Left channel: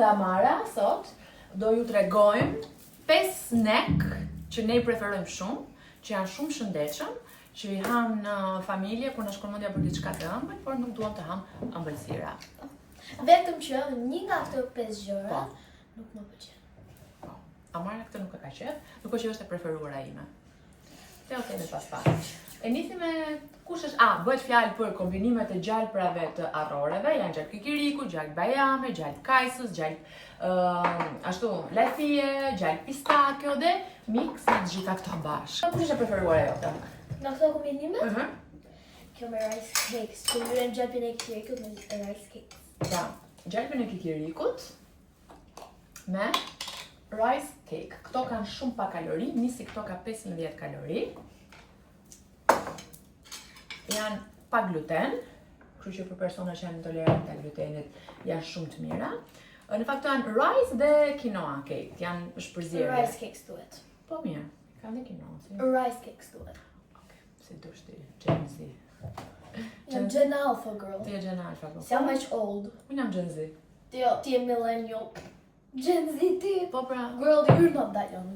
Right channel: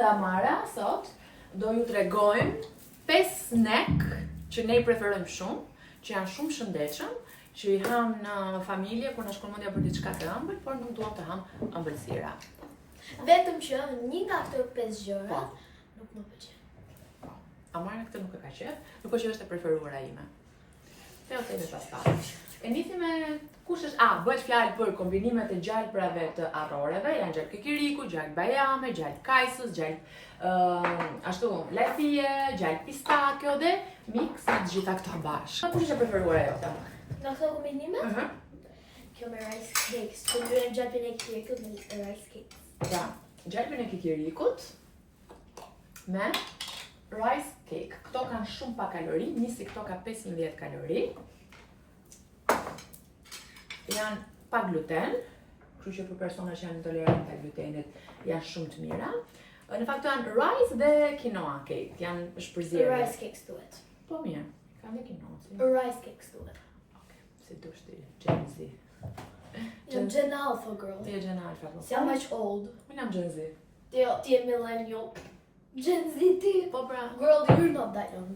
dhe Amara sot do ju tregojmë 5 snack që ne i preferojmë shumë, që janë shumë shëndetshëm, që i ham në familje kur na shkon mendja për diçka të ëmbël, por nuk duam të ham ëmbëlsira. Vetëm që një nga këto 5 gjëra nuk më pëlqen. Amara këtë nuk e ka qef, nuk është që është e preferuara ime. Te o themi pas. E nisi me kush është? Bëhet fjalë për kombinimet e gjalprave të arroreve, janë gjalp kikiriku, gjalp bajame, gjalp kajsës, gjalp ashtu lajfie, gjalp pistakjo dhe mix të gjitha këto bashkë. Kush është e preferuara jote? Nga këto kombinime? Kjo me rice cakes. Kombinojmë gjalpin e kikirikut me rice cakes. Pra, gjalpin e kikirikut me rice cake. Këto kanë shumë pa kalori, nisi këto ka 15 kalori. Janë pa gluten, kështu që për persona që janë intolerant të glutenit janë shumë të mira. Në fakt janë rice dhe quinoa cake, janë shpërzierje. Rice cakes duhet. Po mirë, kanë dhe quinoa. Si? Rice cakes duhet. Okej, si dush ti, Gen Z. Jam Gen Alpha girl. Ti e Gen Alpha. Si jam much old. Unë jam Gen Z. Ti je millennial. Gen Z ti. Po pra. Girl, you're not that young.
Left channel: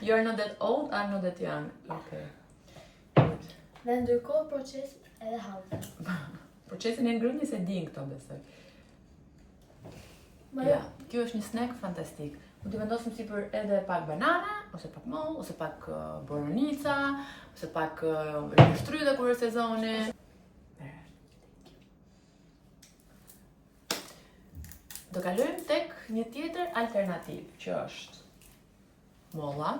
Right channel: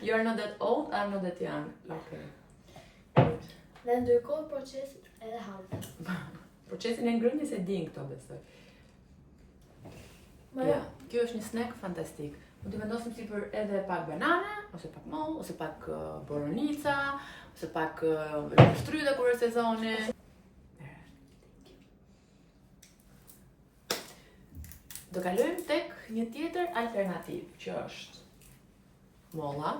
You're not that old, I'm not that young. Okay. Dhe ndërkohë procesit edhe hauzen. Procesin e ngrënjes se din këto besoj. Ja, kjo është një snack fantastik. Mund të vendosim sipër edhe pak banana, ose pak moll, ose pak boronica, ose pak lëngështryte kur është sezoni. Do kalojmë tek një tjetër alternativë, që është molla,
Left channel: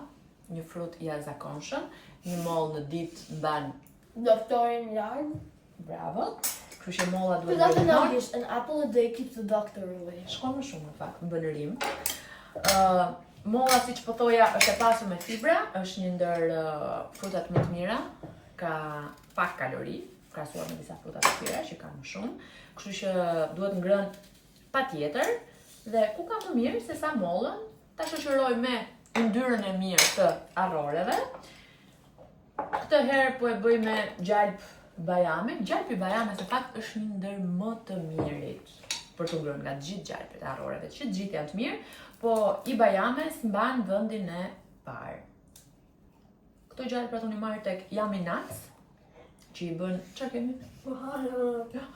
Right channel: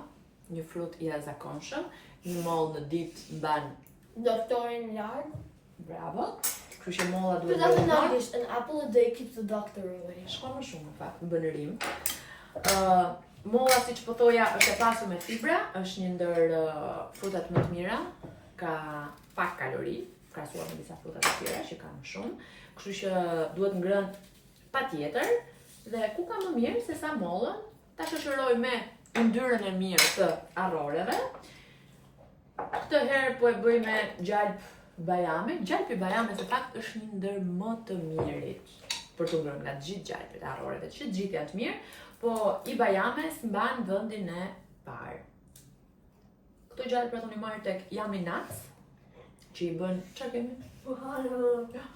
një frut i jashtëzakonshëm, një moll në ditë mban Doktorin larg. bravo. Kështu që molla duhet Për datë bërë në anglisht, an apple a day keeps the doctor away. Shkon më shumë në fakt, më bën rim. Molla, siç po thoja, është e pasur me fibra, është një ndër frutat më të mira, ka pak kalori, krahasuar me disa fruta të tjera që kanë më shumë. Kështu që duhet ngrënë patjetër dhe ku ka më mirë se sa mollën ta shoqëroj me yndyrën e mirë të arroreve. Këtë herë po e bëj me gjalp bajame. Gjalpi bajame se fakt është një ndër më të mirit për të ngrënë nga gjithë gjalpet e arroreve, që gjithë janë të mirë, po i bajames mban vendin e parë. Këto gjalpra unë i marr tek Yummy Nuts, që i bën, çfarë kemi?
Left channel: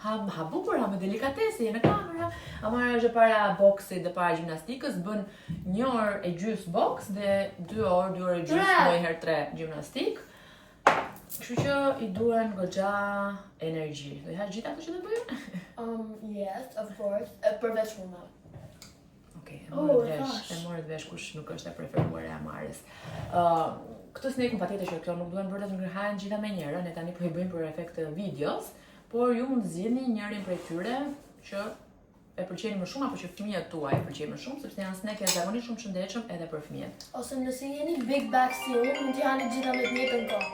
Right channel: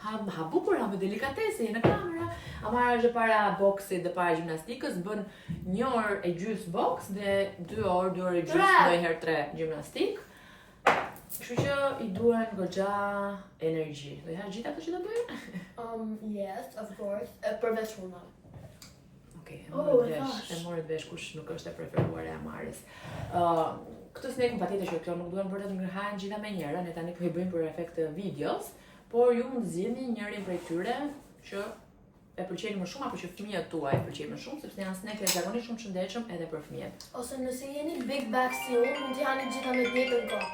Ha bukur, ha me delikatese, je në kamera. Amara është para boksit dhe para gjimnastikës, bën 1 orë e gjys boks dhe 2 orë e gjys, ndonjëherë 3 gjimnastik. Kështu që i duhen goxha energji. Do i hash gjithë ato që do bëjë? Yes, of course. Përveç fundave. Okej, e morët vesh kush nuk është e preferuar e Amarës. Këtë snack patjetër që këto nuk duhen vërtet ngërhahen gjitha me njëra, ne tani po i bëjmë për efekt videos, por ju mund të zgjidhni njërin prej tyre që e pëlqeni më shumë apo që fëmijët tuaj e pëlqejnë më shumë, sepse janë snack zakonisht shumë shëndetshëm edhe për fëmijët. Ose nëse jeni big bag still, mund t'i hani gjitha me të njëjtën kohë.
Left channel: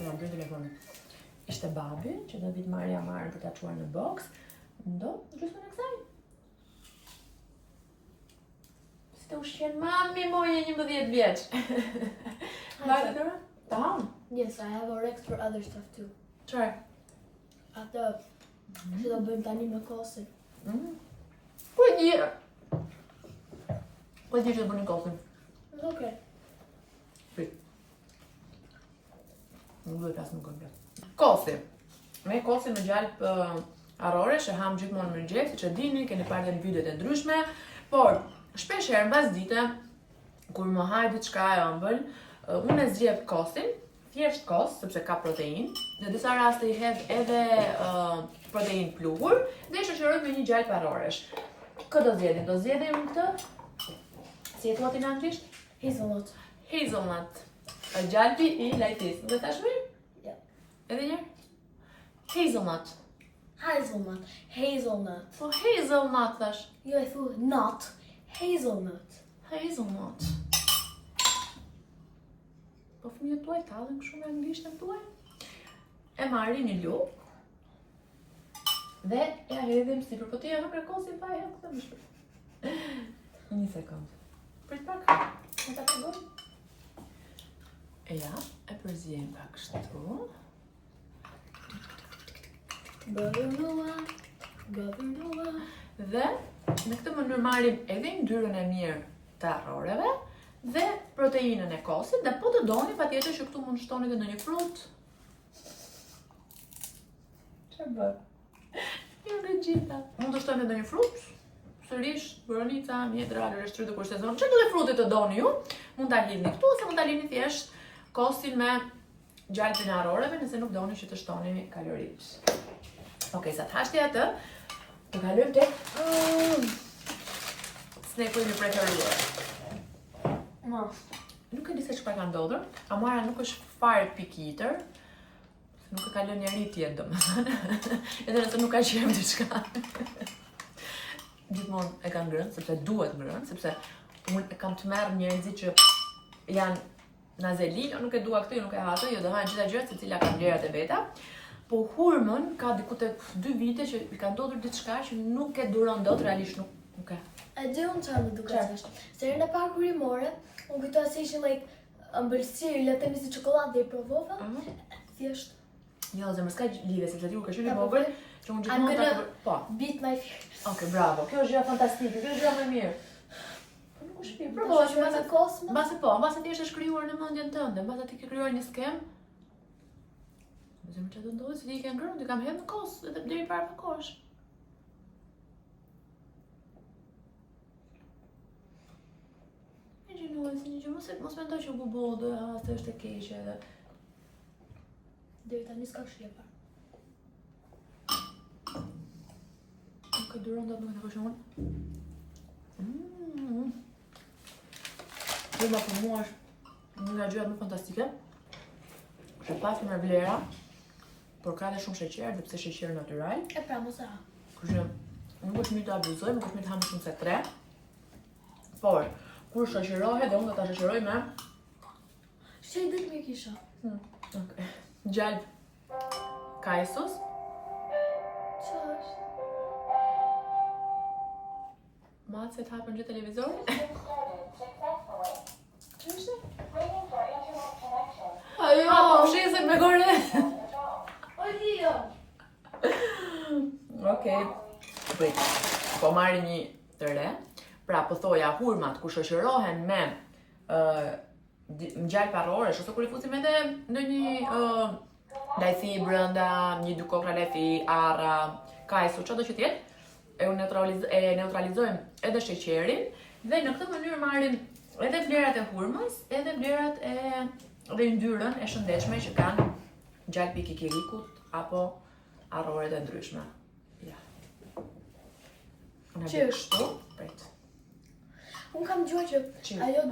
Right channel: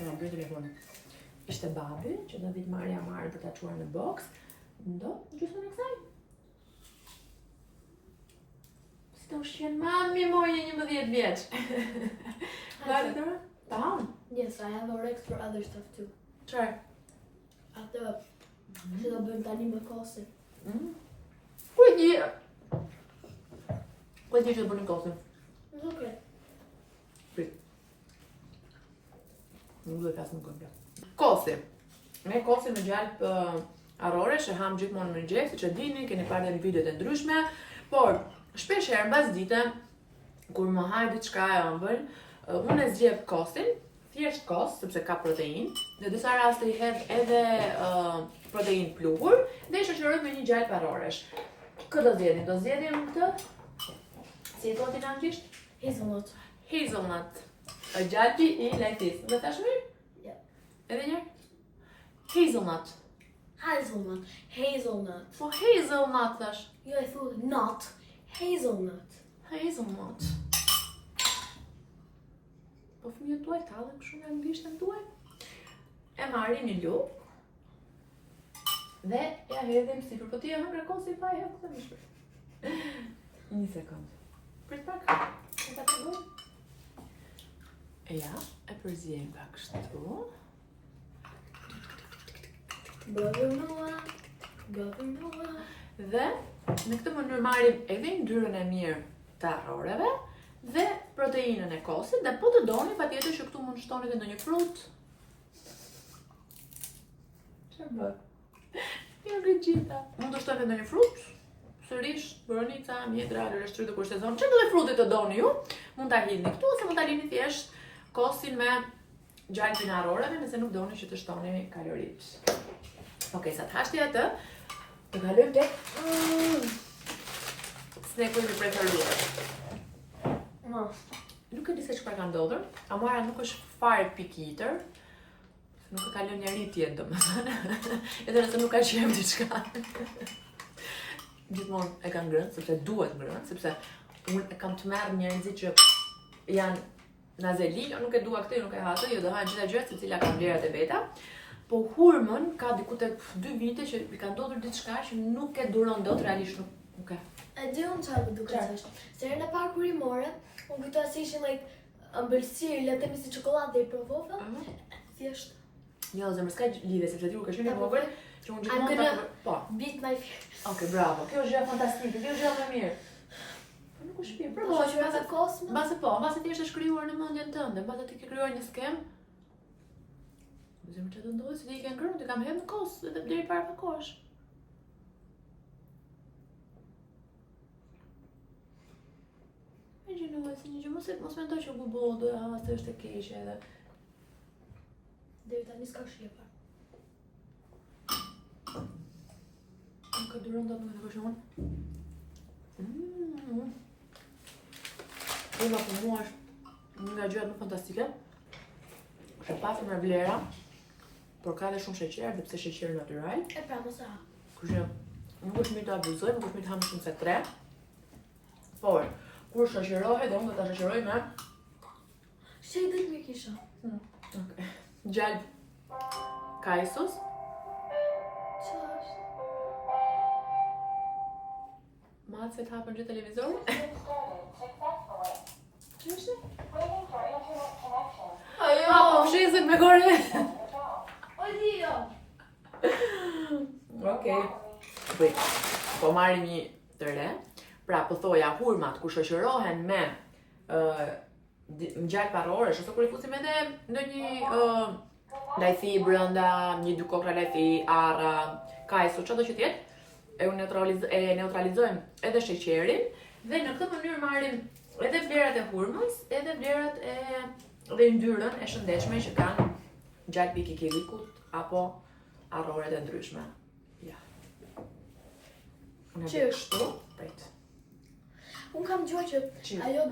Të bëj telefonin. Ishte babi që do vit marrë Amarën për ta çuar në boks. Ndo, gjysmën e kësaj. Si të ushqen mami moje 11 vjeç. Vajte të ta? Yes, I have orex for other stuff too. Çfarë? Atë që do bëjmë tani me kosin. Ku e di? Ku e di që do bëni kosin? It's okay. Prit. Nuk duhet flas më këmbë. Kosi. Me kosi me gjalp arrore që ham gjithmonë në mëngjes, siç e dini, keni parë në videot e ndryshme, por shpesh herë mbas dite kur më haj diçka e ëmbël, unë e zgjedh kosin, thjesht kos, sepse ka protein, në disa raste i hedh edhe protein pluhur dhe i shoqëroj me një gjalp arroresh. Kë do zgjedhim? Do zgjedhim këtë? Si e thua ti në anglisht? Hazelnut. Hazelnut. Gjalpi i lajtis. Nuk e thash mirë? Ja. Edhe njërë? Hazelnut. Hazelnut. Hazelnut. Po hazelnut thash. Jo, I thought not. Hazelnut. Hazelnut. Po fëmijët tuaj tallën kështu me anglishtën tuaj? E marrin një lupë dhe ja hedhim sipër, po ti e hëngër kosin pa e hedhë këtë më shpër. Një sekundë. Prit pak. E ta përdoj. E ja, e përzijem pak kështu. Brother Noah. Dhe në këtë mënyrë marrim edhe yndyrën e mirë të arroreve dhe proteinën e kosit, dhe po të doni patjetër që këtu mund shtoni edhe ndonjë frut. Çfarë bë? Jo gjitha. Mund të shtoni ndonjë frut, sërish, boronica, mjedra, lëreshtry të kur sezon. Çfarë do të frutit të doni ju? Mund ta hidhni këtu ose mund ta lini thjesht kosin me gjalpin e arroreve nëse nuk doni që të shtoni kaloritë. Okej, sa të hashti atë, të kalojmë tek snack-u im i preferuar. Nuk e di se çfarë ka ndodhur. Amara nuk është fare pikitër. Nuk e ka lënë njeri tjetë, domethënë. Edhe nëse nuk ka qejf diçka. Gjithmonë e ka ngrënë, sepse duhet ngrënë, sepse unë e kam të merr njerëzit që janë nazeli, jo nuk e dua këtë, jo nuk e ha atë, jo do hajnë gjitha gjërat secila ka vlerat e veta. Po hurmën ka diku tek 2 vite që i ka ndodhur diçka që nuk e duron dot, realisht nuk e. E di unë çfarë më duket është. Se herën e parë kur i more, unë kujtoj se ishin like ëmbëlsirë, le të themi si çokoladë i provova. Thjesht. Jo, zemër s'ka lidhje sepse ti u ka qenë i vogël, që unë gjithmonë ta po. Beat my fear. Okej, bravo. Kjo është gjë fantastike, kjo është gjë më e mirë. Po nuk është mirë. Provo që mbase kosmë. Mbase ti është shkruar në mendjen tënde, mbase ti ke krijuar një skem. Zemër çfarë do ndodhi se ti ke ngrënë, ti kam hedhur në kos edhe deri para kohësh. Ingenuosi, një gjë mos mendoj që bubo do e ha se është e keqe edhe. Deri tani s'ka shlepar. Nuk e duron dot, nuk e takosh unë. Hurma për mua është një nga gjërat më fantastike. Është e pasur me vlera, por ka dhe shumë sheqer, dhe pse sheqer natyral. E pra mos e ha. Kështu nuk është mirë të abuzoj, nuk është mirë të ham shumë se 3. Por kur shoqërohet, dhe unë do ta shoqëroj me Shej dhe me kisha. Okay. Gjalp kajsos. Çfarë është? Matë se të hapën gjë televizorit. Që është? Ajo! Po fshesën me gore. O Dio! Okej. Prit, po marri një të re. Pra, po thoja, hurmat kur shoqërohen me ngjall parroresh ose kur i fusim edhe ndonjë lajthi brenda, një 2 kokra lajthi, arra, kajso, çdo që tjetë, e neutralizojmë edhe sheqerin dhe në këtë mënyrë marrim edhe vlerat e hurmës, edhe vlerat dhe yndyrën e shëndetshme që kanë gjalpi i kikirikut apo arroret e ndryshme. Ja. Unë e kështu, prit. Unë kam dëgjuar që ajo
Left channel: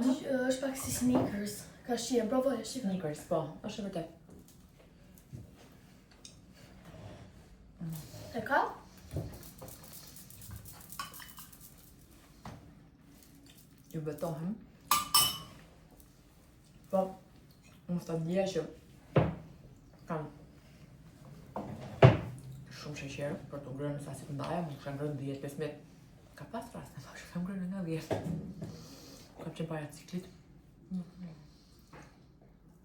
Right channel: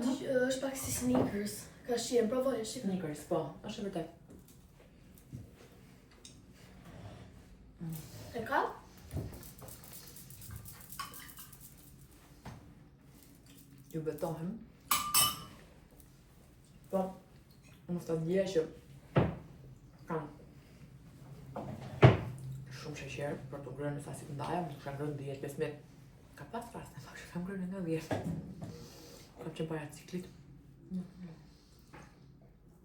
është pak si Snickers. Ka shije, provoje, shikoj. Snickers, po, është e vërtet. E ka? Ju betohem. Po, unë sta dje që kam shumë sheqer për të ngrënë sa si të ndaja, më kisha ngrënë 10-15. Ka pas raste, që kam ngrënë nga 10. Kam qenë para ciklit.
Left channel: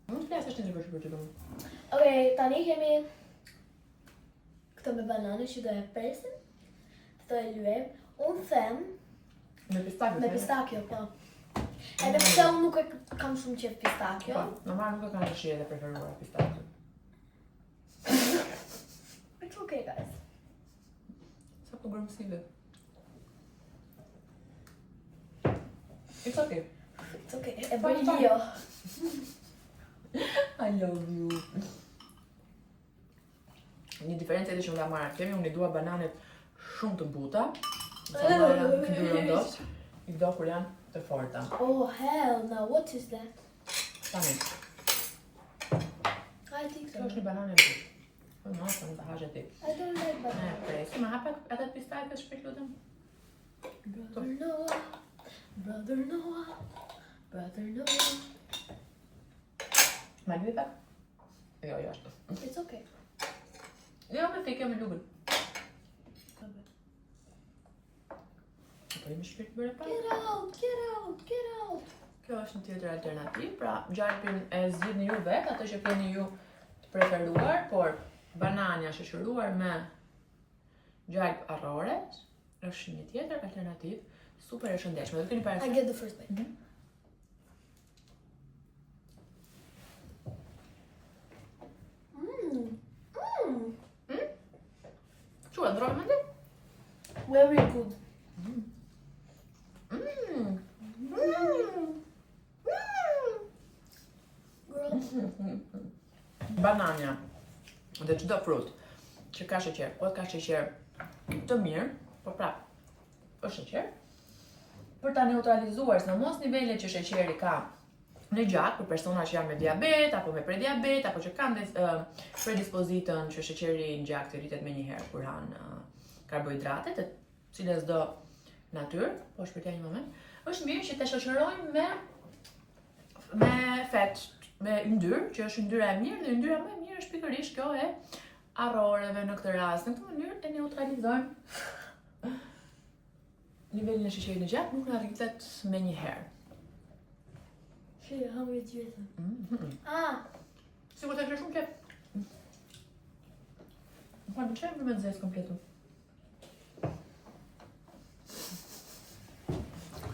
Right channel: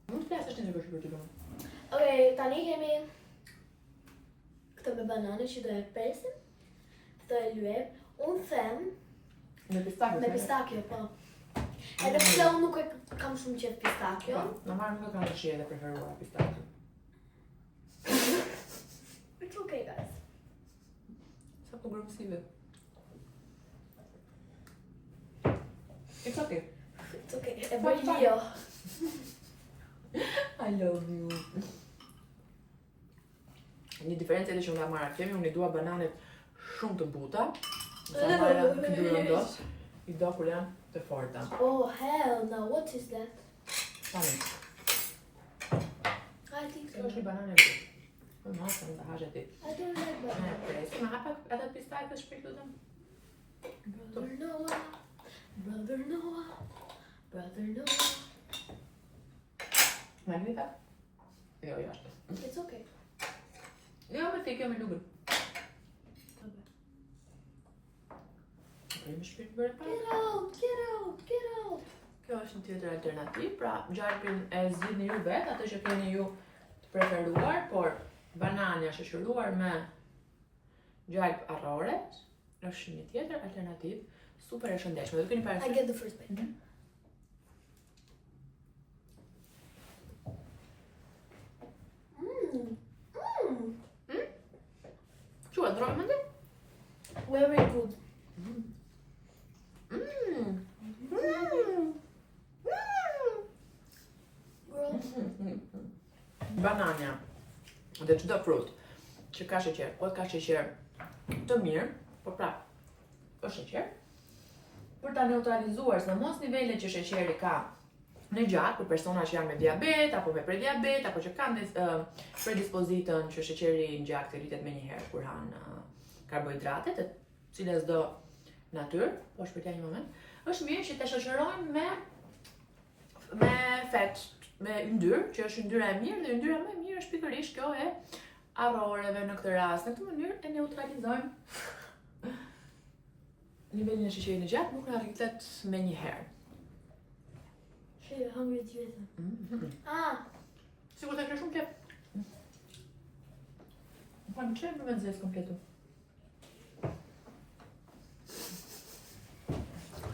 Mund të flasësh një gjë për ty domun. Okej, tani kemi këtë me banane që do e presim. Do e lyem. Unë them Me pistakio. me pistakio, po. Edhe pse unë nuk e kam shumë qejf pistakio. Po, normal nuk e kam të shije dhe preferuar pistakio. It's okay, guys. Sa po grëmësive. It's okay. It's okay. E bëj Lio. I love you. Një diferencë edhe që nga marrë kemi, unë i dua bananet shumë të buta. Sa marrë këndurën dot. I do kur janë të forta. Oh, hell no. What is that? Tani, I think kjo so. është një banane e butë. Po në asë më të hashe ti. I don't like Ne banana. presi, ma hapa edhe pistakë shpejt lutem. Brother Noah. Brother Noah. Brother Noah. Ma lyve? Jo, jo ashtu. It's okay. Jo, me fikjo me lugën. Po jemi shpejt bërë para. Get out, get out, get out. Kjo është një tjetër alternativë, pra gjalpin e zgjidhni ju vetë, atë që keni ju të preferuar, por banania shoqëruar me gjalp arrore është një tjetër alternativë super e shëndetshme. Do keni I parasysh. get the first bite. Çu e ndronë mendje? Very good. Girl. Banania dhe çdo frut që ka sheqer, po ka sheqer të mirë, po prap është sheqer, për ta neutralizuar sidomos nivelet që sheqeri ka në gjak për persona që janë me diabet apo me prediabet apo që kanë predispozitën që sheqeri në gjak të rritet menjëherë kur hanë karbohidrate të cilës do natyrë, po shpërtej një moment, është mirë që të shoqërojmë me fet, me yndyrë, që është yndyra e mirë, dhe yndyra më e mirë është pikërisht kjo e arroreve në këtë rast. Në këtë mënyrë e neutralizojmë nivelin e sheqerit në gjak, nuk na rritet menjëherë. Shit, hungry tears. Ah, Sigur të ke shumë kep. Po në çfarë më nxjes kompletu?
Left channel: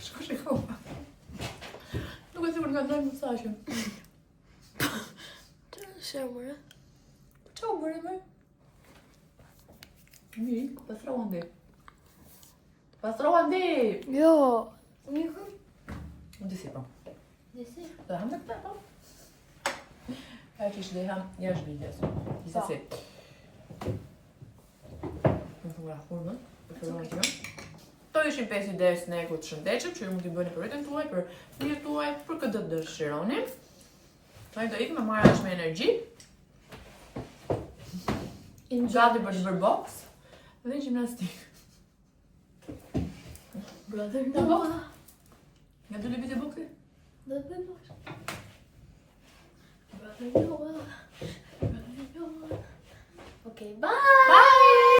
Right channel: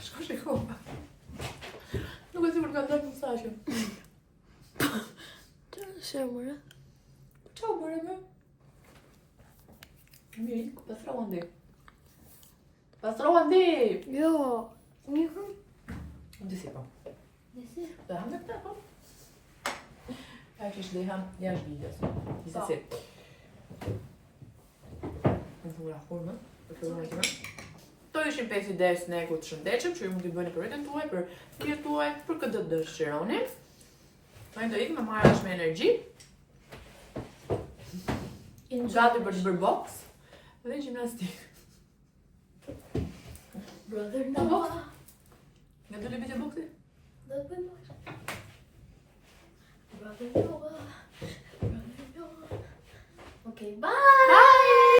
Shko shiko. Nuk e sigur nga ndonjë mesazhe. çfarë mëre? Çau bëre më? Mi, pastrova ndi. Pastrova ndi! Jo. Niku? Disi po. Desi? Dhe ham me këta po. Ai kish dhe ham jashtë videos. Disa si. Në të nga hurmën, për fillon të nga. Këto ishin 5 ide snack të shëndetshëm që ju mund t'i bëni për veten tuaj, për fëmijët tuaj, për këtë do të dëshironi. Tani do ikëm me marrësh me energji. Gati për të bërë box dhe gjimnastik. Brother Në box? Noah. Nga 2 libit e boxit? Do të